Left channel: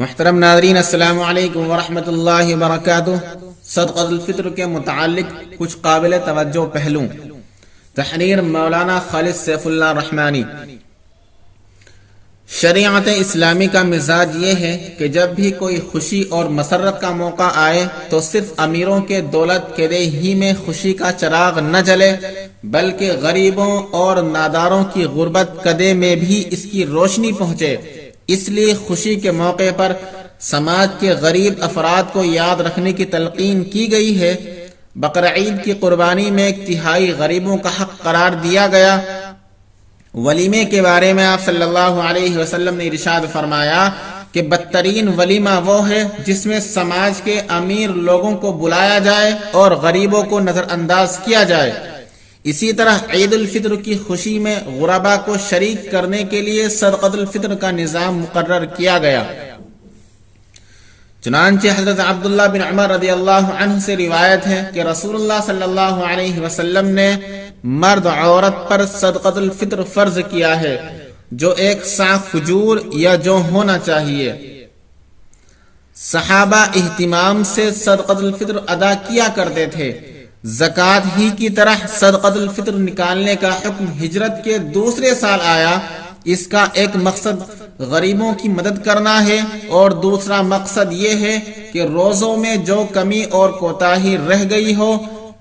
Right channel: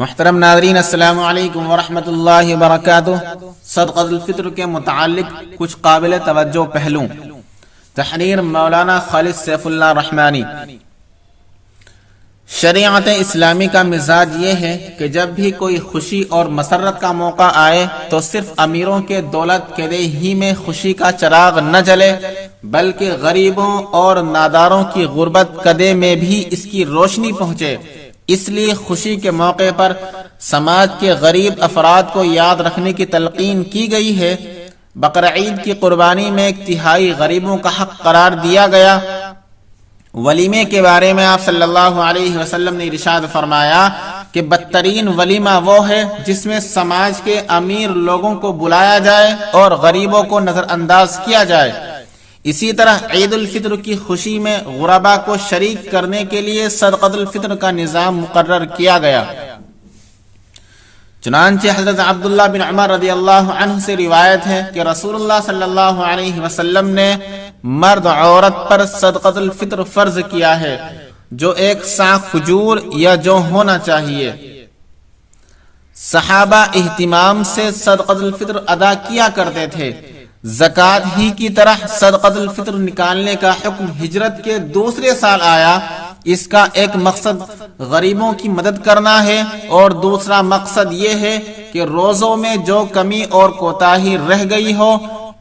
محترم ناظرین، السلام علیکم ورحمۃ اللہ وبرکاتہ۔ صدقۃ الفطر کے متعلق کچھ قابل توجہ پہلو۔ تحریر مولانا خالد سیف اللہ رحمانی۔ شریعت اسلامی کا مزاج یہ ہے کہ جب بھی کوئی خوشی اور مسرت کا موقع آئے تو صرف امیروں کے دولت کے ہی میں خوشی کا چراغ نہ جلے، بلکہ غریبوں اور ناداروں کی غربت کدے میں بھی اس کی روشنی پہنچے۔ اس لیے خوشی کے موقع پر سماج کے غریب افراد کو یاد رکھنے کی تلقین کی گئی ہے۔ بقرعید کی قربانی میں 1/3 غریبوں کا حق قرار دیا گیا۔ ولیمے کے بارے میں آپ صلی اللہ علیہ وسلم نے ارشاد فرمایا کہ بدترین ولیمہ وہ ہے جس میں سماج کے امیر لوگوں کو بلایا جائے اور غریبوں کو نظر انداز کیا جائے۔ اسی طرح عید الفطر کی خوشی میں غربا کو شریک کرنے کے لیے صدقۃ الفطر کا نظام مقرر کیا گیا۔ چنانچہ حضرت عبداللہ بن عمر رضی اللہ عنہ سے روایت ہے کہ رسول اللہ صلی اللہ علیہ وسلم نے مرد عورت پر صدقۃ الفطر فرض کیا ہے، جو 1 صاع کھجور یا جو ہونا چاہیے۔ صحابہ اہتمام سے صدقۃ الفطر ادا کیا کرتے تھے۔ زکوٰۃ ہی کی طرح صدقۃ الفطر نکالنے کا حکم ہجرت کے دوسرے سال آیا۔ اس کا ایک مقصد غریبوں کی مدد کرنا ہے اور دوسرا مقصد یہ ہے کہ روزوں میں جو کمی اور کوتاہی رہ گئی ہو،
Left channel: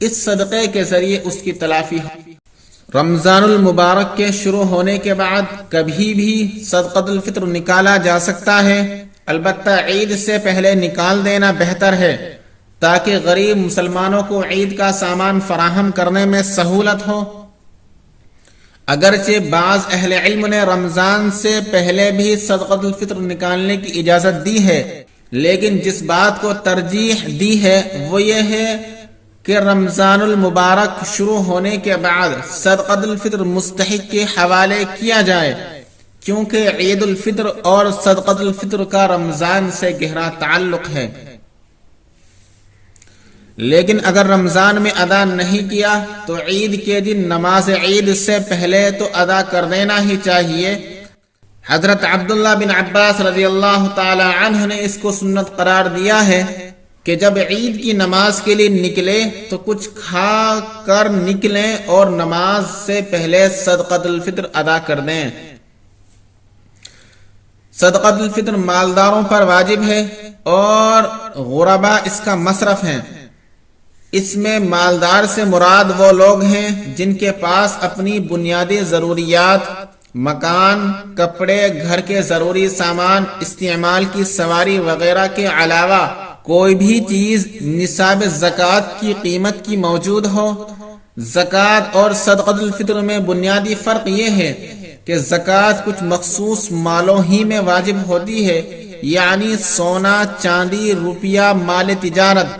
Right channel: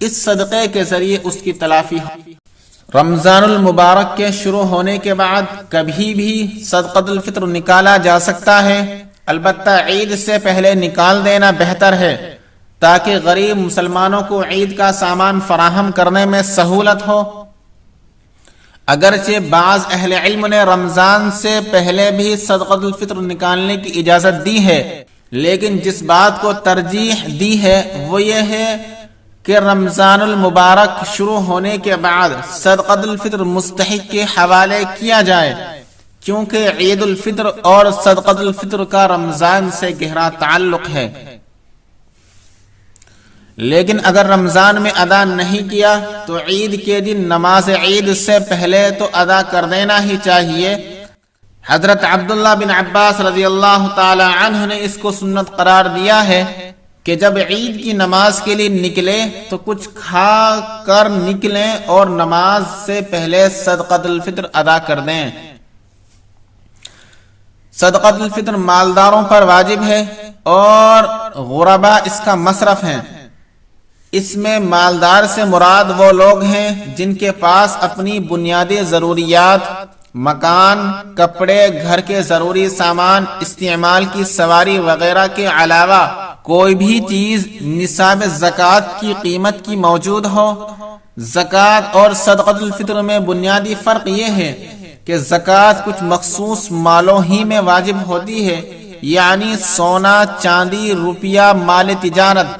اس صدقے کے ذریعے اس کی تلافی ہو۔ رمضان المبارک کے شروع ہونے کے بعد کبھی بھی صدقۃ الفطر نکالا جا سکتا ہے، البتہ عید سے پہلے نکال دینا بہتر ہے تاکہ غریب مسلمانوں کو عید کا سامان فراہم کرنے میں سہولت ہو۔ اگرچہ بعض اہل علم نے رمضان سے پہلے بھی صدقۃ الفطر نکالنے کی اجازت دی ہے، لیکن جس بات کو ترجیح دی ہے وہ یہ ہے کہ رمضان المبارک شروع ہونے کے بعد صدقۃ الفطر مستحق کے حوالے کیا جائے، کیونکہ عید الفطر اور صدقۃ الفطر کا رمضان سے گہرا تعلق ہے۔ لیکن اگر رمضان میں ادا نہیں کیا تو عید کے دن نماز عید سے پہلے تو ادا کر دینا ہی چاہیے۔ حضرت عبداللہ بن عباس رضی اللہ تعالی عنہ نے اس کو سنت قرار دیا ہے کہ جب عید کی نماز کے لیے نکلے تو کچھ کھا کر نکلیں اور نماز سے پہلے صدقۃ الفطر ادا کر دیں۔ صدقۃ الفطر مالداروں پر واجب ہے اور غربا اس کا مصرف ہیں۔ اس میں مالدار سے مراد وہ لوگ ہیں جن کے پاس اپنی بنیادی ضروریات، مکان، کپڑے، گھر کے ضروری سامان، استعمال کی سواری وغیرہ کے علاوہ کوئی بھی چیز نصاب زکوٰۃ کی قیمت کی موجود ہو۔ زکوٰۃ اور صدقۃ الفطر میں بنیادی فرق یہ ہے کہ زکوٰۃ کچھ مخصوص مالوں ہی میں واجب ہوتی ہے، یعنی سونا، چاندی، روپیہ، مال تجارت،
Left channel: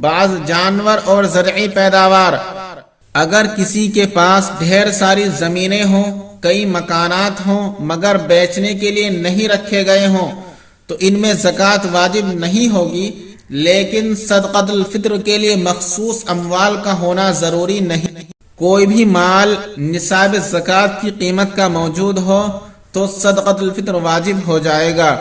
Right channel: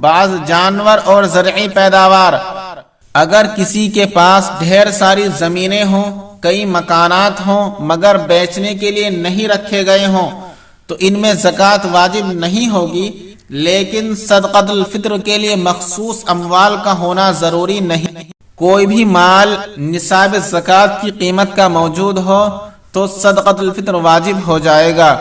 بعض جانور اور زرعی پیداوار۔ اگر کسی کے پاس ڈھیر ساری زمینیں ہوں، کئی مکانات ہوں مگر بیچنے کے لیے نہیں رکھے گئے ہوں تو ان میں زکوٰۃ واجب نہیں ہوگی، لیکن صدقۃ الفطر کے لیے مخصوص اموال کا ہونا ضروری نہیں۔ کوئی بھی مال نصاب زکوٰۃ کی قیمت کا موجود ہو تو صدقۃ الفطر واجب ہو جائے گا،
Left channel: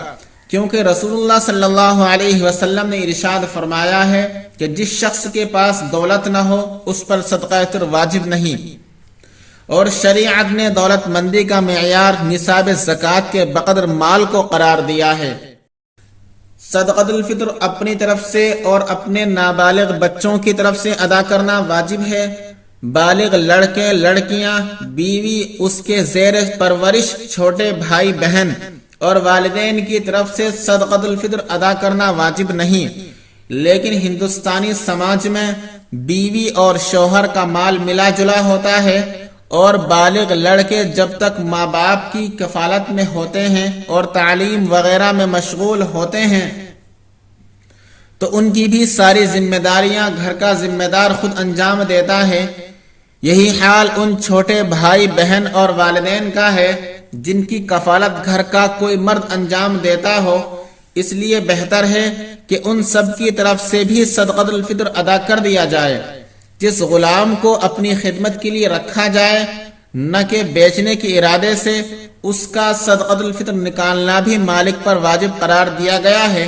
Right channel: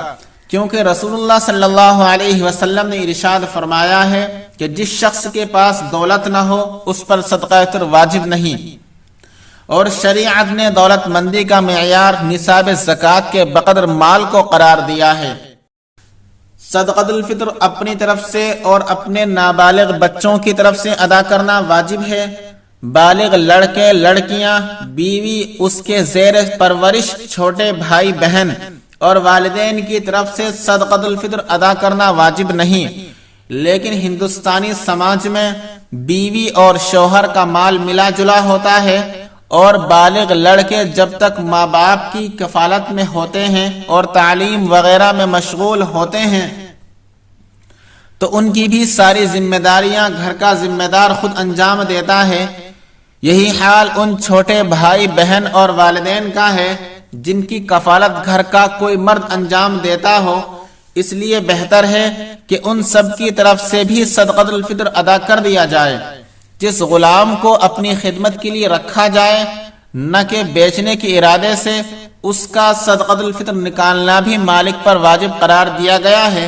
کیونکہ رسول اللہ صلی اللہ علیہ وسلم نے ارشاد فرمایا ہے کہ جس شخص کے پاس دولت نہ ہو اس پر صدقہ فطر واجب نہیں، اور شریعت نے دولت مندی کا معیار نصاب زکوٰۃ کے بقدر مال کو قرار دیا ہے۔ صدقۃ الفطر اپنی طرف سے اور اپنے نابالغ بچوں کی طرف سے ادا کرنا واجب ہے۔ بالغ لڑکے، لڑکیاں، بیوی، اس کے زیر پرورش چھوٹے بھائی بہن اور والدین کی طرف سے صدقۃ الفطر ادا کرنا واجب نہیں، لیکن ہندوستانی سماج میں بیوی اور شوہر کا مال ملا جلا ہوتا ہے، اور بالغ لڑکے جب تک ماں باپ کی کفالت میں ہوتے ہیں اور تعلیم وغیرہ میں مشغول ہوتے ہیں تو ان کی بھی ساری ذمہ داریاں گھر کا ذمہ دار خود انجام دیتا ہے۔ یہی حال ان چھوٹے بھائی بہن اور والدین کا ہے جن کی کفالت گھر کا کوئی مرد انجام دیتا ہو۔ اس لیے بہتر ہے کہ ان سب کی طرف سے بھی صدقۃ الفطر ادا کر دیا جائے۔ جس غلام کو اپنی خدمت کے لیے رکھا جائے نہ کہ بیچنے کے ارادے سے، اس کا صدقۃ الفطر نکالنا بھی مالک پر واجب قرار دیا گیا ہے۔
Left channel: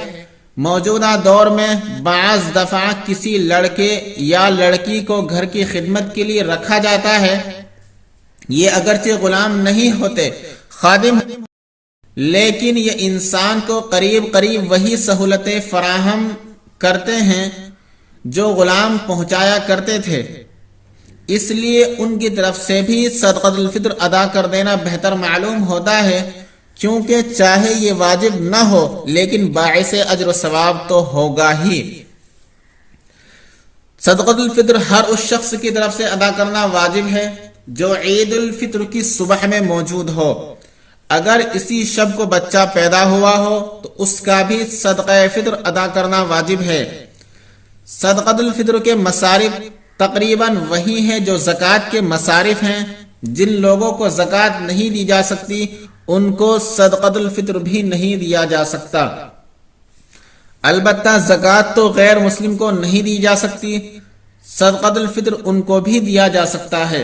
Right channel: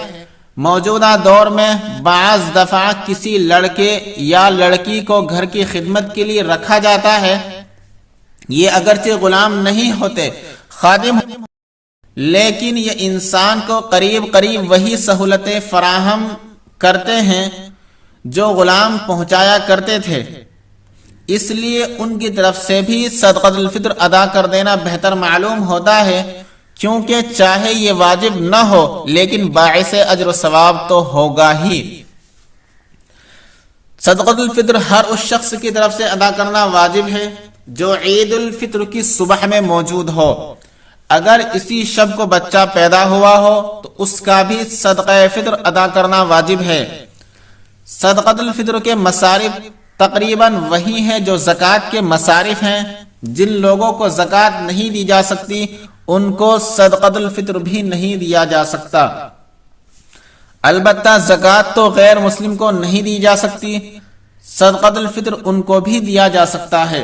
موجودہ دور میں بعض دفعہ کسی لڑکے یا لڑکی کو گھر کی خدمت کے لیے رکھا جاتا ہے، یہ اگرچہ غلام نہیں ہوتے، خادم، لیکن یہ انسان کو قریب قریب وہی سہولتیں فراہم کرتے ہیں جو غلام پہنچایا کرتے تھے، اس لیے ان کی طرف سے بھی صدقۃ الفطر ادا کر دینا بہتر معلوم ہوتا ہے، کیونکہ چاہے یہ واجب نہ ہو لیکن باعث اجر و ثواب تو ہوگا ہی۔ صدقۃ الفطر ہر اس شخص کی طرف سے ادا کرنا واجب ہے جو عید الفطر کی صبح میں موجود ہو۔ اگر اسی شب کو بچہ پیدا ہوا ہو تو اس کا بھی صدقہ فطر ادا کرنا واجب ہے۔ صدقۃ الفطر کے مصارف تقریباً وہی ہیں جو زکوٰۃ کے مصارف ہیں۔ جن لوگوں کو زکوٰۃ نہیں دی جا سکتی ان کو صدقۃ الفطر بھی نہیں دیا جا سکتا۔ البتہ زکوٰۃ تو غیر مسلم کو نہیں دی جا سکتی، صدقۃ الفطر ان کو بھی دیا جا سکتا ہے۔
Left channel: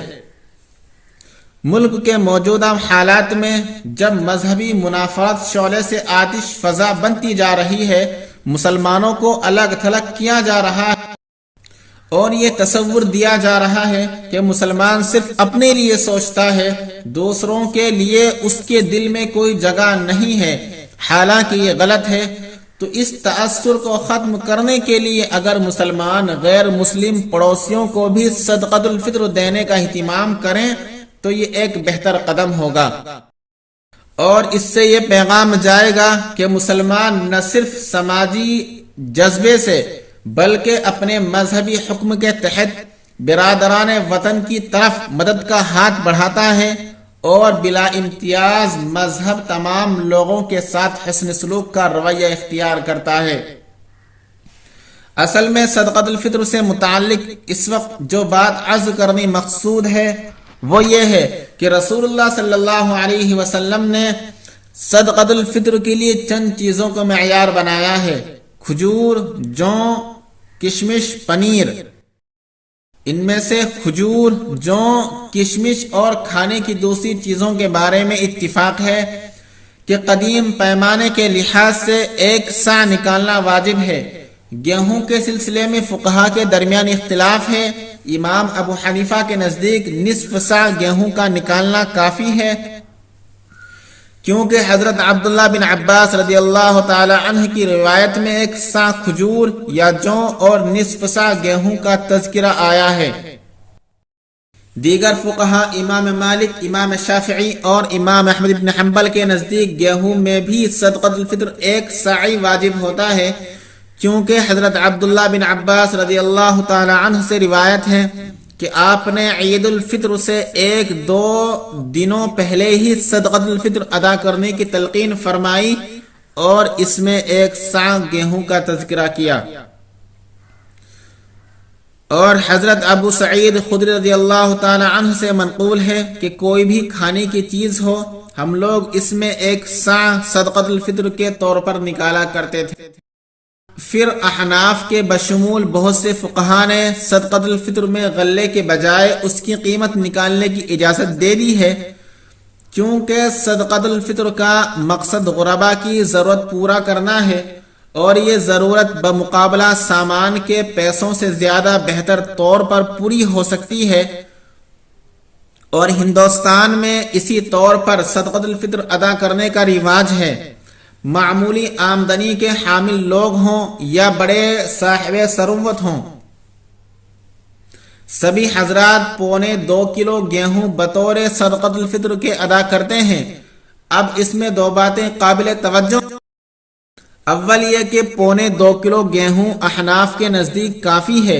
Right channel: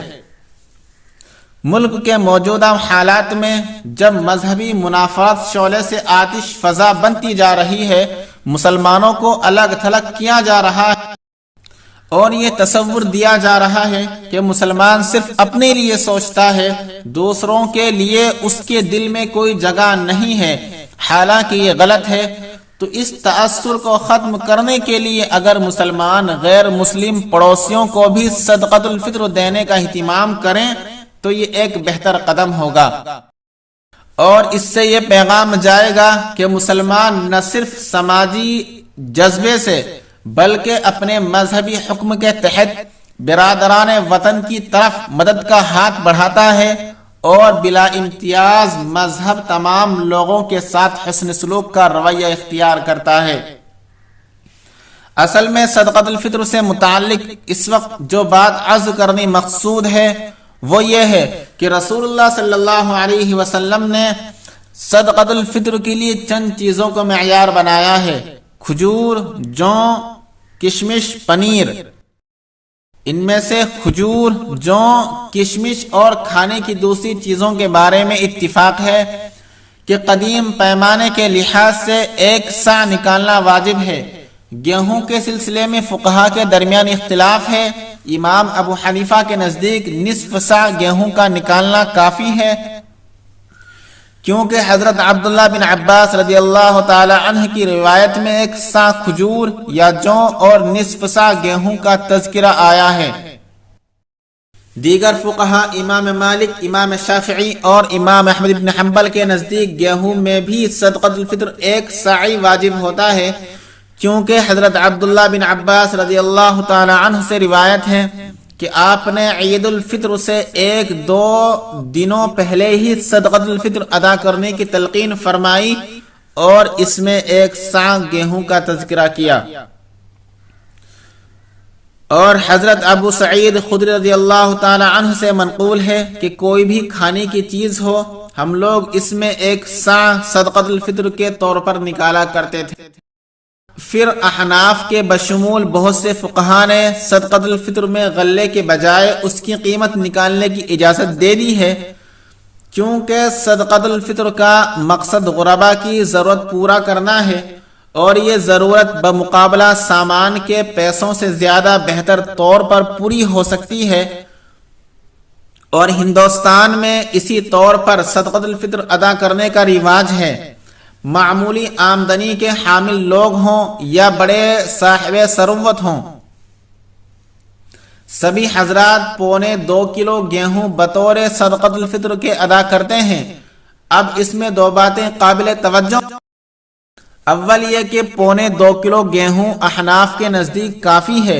ملک کے موجودہ حالات میں جب مذہبی منافرت شعلے سے آتش فزا بنتی جا رہی ہے، مسلمانوں کو الگ تھلگ کیا جا رہا ہے اور یہ تصور دیا جا رہا ہے کہ مسلمان صرف اپنے لیے سوچتا ہے، دوسروں کے لیے اس کے دل میں کوئی جگہ نہیں ہے، حالانکہ یہ غلط ہے۔ تو اس تاثر کو ختم کرنے کے لیے اگر مسلمان غیر مسلم پڑوسیوں کو بھی صدقۃ الفطر دینے کا اہتمام کریں تو یہ ایک بہتر قدم ہوگا، اور اس سے یہ پیغام جائے گا کہ مسلمان نہ صرف سماجی جذبے سے بلکہ اپنے مذہبی حکم کے تحت برادران وطن کی طرف مدد کا ہاتھ بڑھاتا ہے اور بلا امتیاز مذہب تمام لوگوں کے ساتھ حسن سلوک کا رویہ اختیار کرتا ہے۔ اصل میں صدقۃ الفطر سے متعلق اس وقت جو بات عرض کرنی مقصود ہے وہ یہ ہے کہ رسول اللہ صلی اللہ علیہ وسلم نے صدقۃ الفطر کے لیے چند چیزوں کو معیار بنایا ہے: کھجور، جو، کشمش، پنیر۔ ان میں سے کھجور، جو، کشمش اور کھانے کی دوسری چیزوں کے بارے میں اتفاق ہے کہ قدیم پیمانے کے لحاظ سے 1 صاع نکالنا واجب ہے۔ گیہوں کے سلسلے میں فقہا کے درمیان اختلاف ہے۔ امام ابو حنیفہ کے نزدیک نصف صاع گیہوں کا نکالنا کافی ہے، کیونکہ حضرت عبداللہ بن عباس رضی اللہ تعالی عنہ کی روایت میں 1 صاع کھجور یا جو اور نصف صاع گیہوں کا تذکرہ آیا ہے۔ دیگر فقہا امام مالک، امام شافعی اور امام احمد بن حنبل کے نزدیک گیہوں میں بھی صدقۃ الفطر 1 صاع واجب ہوتا ہے، کیونکہ حضرت عبداللہ بن عباس رضی اللہ تعالی عنہ سے روایت ہے کہ آپ نے عید الفطر سے 1-2 دنوں پہلے ہی صدقۃ الفطر ادا کرنے کی تلقین فرمائی اور اس میں 1 صاع گیہوں کا تذکرہ کیا۔ اور حضرت ابو سعید خدری رضی اللہ تعالی عنہ سے منقول ہے کہ کوئی بھی کھانے کی چیز ہو، ہم لوگ اس میں 1 صاع صدقۃ الفطر کے طور پر نکالا کرتے تھے۔ پھر احناف کے بشمول بہت سے فقہا نے صدقۃ الفطر میں غلے کے بجائے اس کی قیمت نکالنے کی اجازت دے دی ہے، کیونکہ صدقۃ الفطر کا مقصد غربا کی ضرورت پورا کرنا ہے اور یہ ضرورت بمقابلہ سامان کے پیسوں سے زیادہ بہتر طور پر پوری ہو سکتی ہے، اور ہندوستان میں اسی طور پر صدقۃ الفطر ادا کرنے کا رواج ہے۔ معمولی آمدنی کے حامل لوگ ہوں یا بڑے صاحب ثروت ہوں، سبھی حضرات 2.25 کلو گیہوں بطور صدقۃ الفطر کے ادا کرتے ہیں۔ اب اس میں 2 باتیں قابل توجہ۔ اول یہ کہ 2.25 کلو گیہوں احناف کے نزدیک کافی ہے،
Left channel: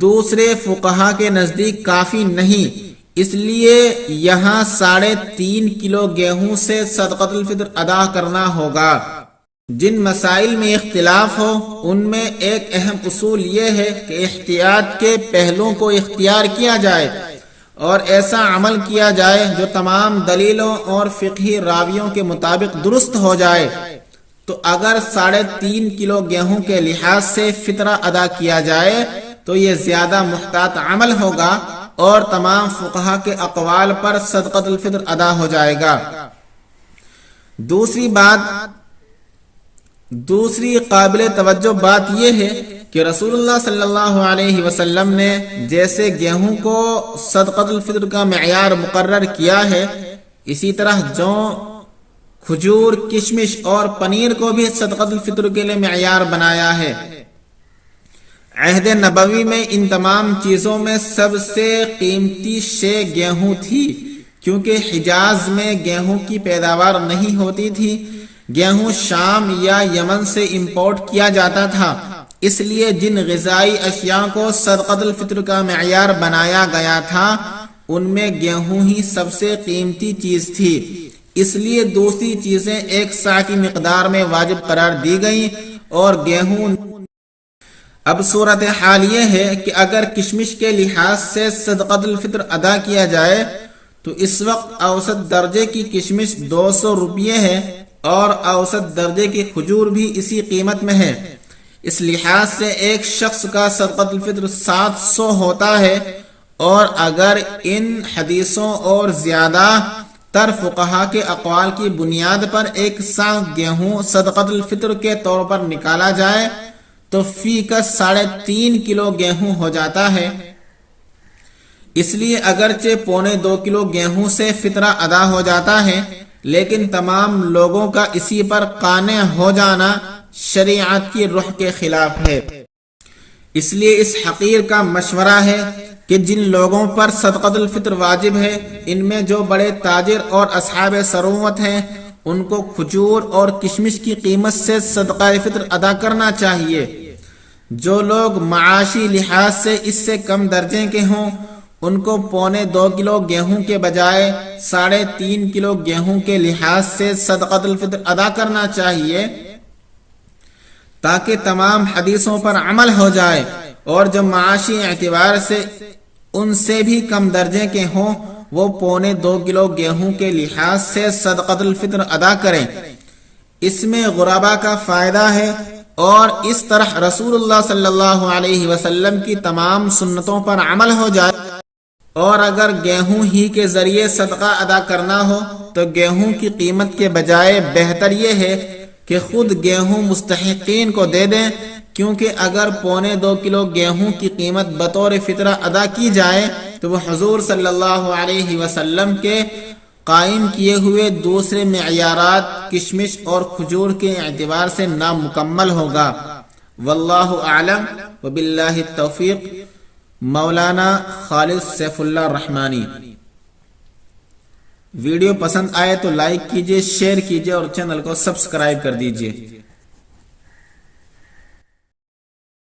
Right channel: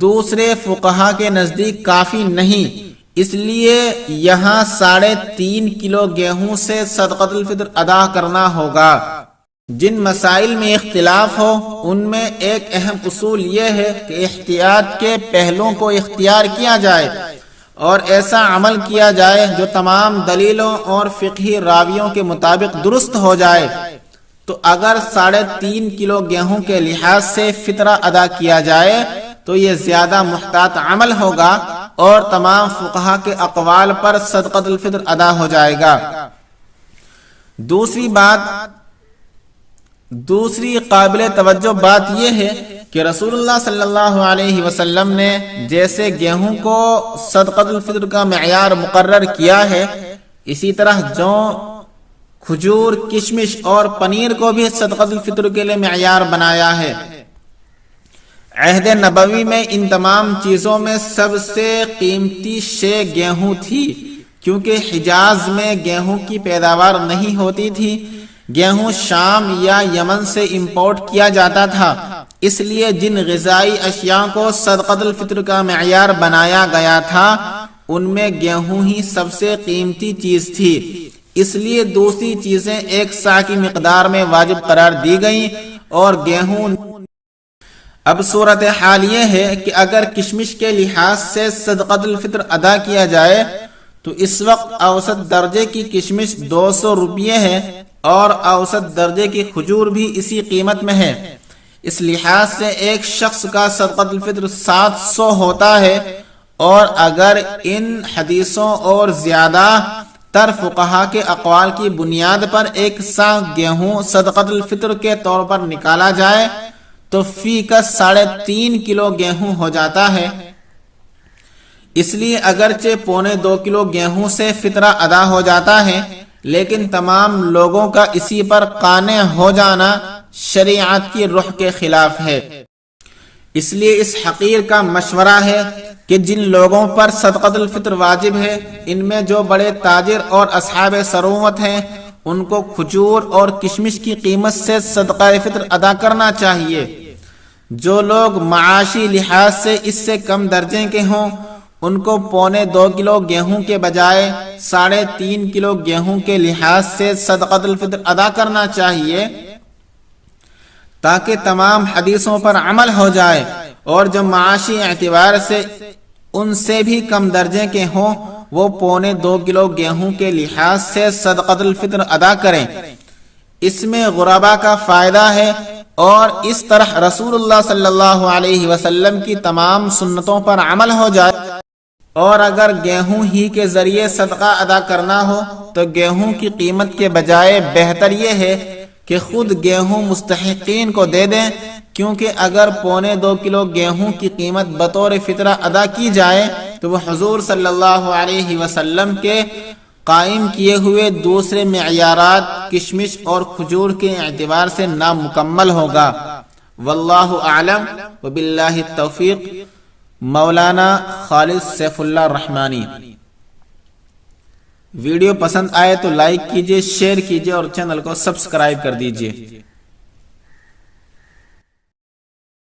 دوسرے فقہا کے نزدیک کافی نہیں، اس لیے یہاں 3.5 کلو گیہوں سے صدقۃ الفطر ادا کرنا ہوگا۔ جن مسائل میں اختلاف ہو ان میں ایک اہم اصول یہ ہے کہ احتیاط کے پہلوؤں کو اختیار کیا جائے اور ایسا عمل کیا جائے جو تمام دلیلوں اور فقہی راویوں کے مطابق درست ہو جائے۔ تو اگر 3.5 کلو گیہوں کے لحاظ سے فطرہ ادا کیا جائے تو یہ زیادہ محتاط عمل ہوگا، اور تمام فقہا کے اقوال پر صدقۃ الفطر ادا ہو جائے گا۔ دوسری قابل توجہ بات یہ ہے کہ رسول اللہ صلی اللہ علیہ وسلم نے جیسے گیہوں کو صدقۃ الفطر کا معیار مقرر کیا ہے، اسی طرح جو کھجور، کشمش اور پنیر کو بھی صدقۃ الفطر کے لیے معیار بنایا ہے۔ عہد نبوی میں ان تمام چیزوں میں سب سے قیمتی شے گیہوں تھی، کیونکہ حجاز میں گیہوں کی پیداوار نہیں ہوتی تھی، گیہوں شام یا یمن سے امپورٹ کیا جاتا تھا، اس لیے جن غذائی اشیاء کو صدقۃ الفطر کا معیار بنایا گیا تھا ان میں گیہوں ہی سب سے قیمتی چیز تھی، اس لیے دوسری چیزیں ایک سا کی مقدار میں واجب قرار دی گئیں اور گیہوں۔ اب صورتحال یہ ہے کہ اگر کشمش کے لحاظ سے صدقۃ الفطر ادا کیا جائے تو اس وقت اوسط درجے کی کشمش 200 روپیے ہے اور اوسط درجے کی کھجور بھی اسی قیمت میں ہے، اس لحاظ سے ایک شخص کا صدقۃ الفطر 700 ہوتا ہے، اور اگر ان حدیثوں اور زیادہ تر فقہا کے اقوال کی بنیاد پر ایک سا گیہوں صدقۃ الفطر کے طور پر نکالا جائے تو فی کس 3.5 کلو گیہوں ہو جاتا ہے۔ اس لیے اگرچہ 2.25 کلو گیہوں سے فطرہ ادا ہو جاتا ہے، لیکن تمام لوگوں کا اسی پر قانع ہو جانا شریعت کی روح کے خلاف ہے۔ اس لیے اس حقیر کا مشورہ ہے کہ جن لوگوں پر صدقۃ الفطر واجب ہے، ان میں جو بڑے تاجر اور اصحاب ثروت ہیں، ان کو کھجور اور کشمش کی قیمت سے صدقہ فطر ادا کرنا چاہیے۔ جو لوگ معاشی لحاظ سے اس سے کم درجے کے ہوں، ان کو 2.25 کلو گیہوں کے بجائے 3.5 کلو گیہوں کے لحاظ سے صدقۃ الفطر ادا کرنا چاہیے، تاکہ تمام حدیثوں پر عمل ہو جائے، اور جو معاشی اعتبار سے ان سے بھی کم درجے کے ہوں وہ 2.25 کلو گیہوں کے لحاظ سے صدقۃ الفطر ادا کریں۔ اس میں غربا کا فائدہ ہے، اور اس طرح رسول اللہ صلی اللہ علیہ وسلم کی تمام سنتوں پر عمل ہو جائے۔ اور اگر گیہوں ہی کے ذریعے صدقہ ادا کرنا ہو تو گیہوں کی قیمت کے بجائے بہتر یہ ہے کہ خود گیہوں مستحقین کو دے دیں، کیونکہ اگر 2.25 کلو گیہوں کی قیمت بطور فطرہ ادا کی جائے تو وہ حضور صلی اللہ علیہ وسلم کے قائم کیے ہوئے دوسرے معیارات کشمش اور کھجور کے اعتبار سے نامکمل ہوگا۔ واللہ اعلم وباللہ التوفیق۔ مولانا خالد سیف اللہ رحمانی۔ ویڈیو پسند آئے تو لائک کیجئے، شیئر کیجئے اور چینل کو سبسکرائب کر دیجئے۔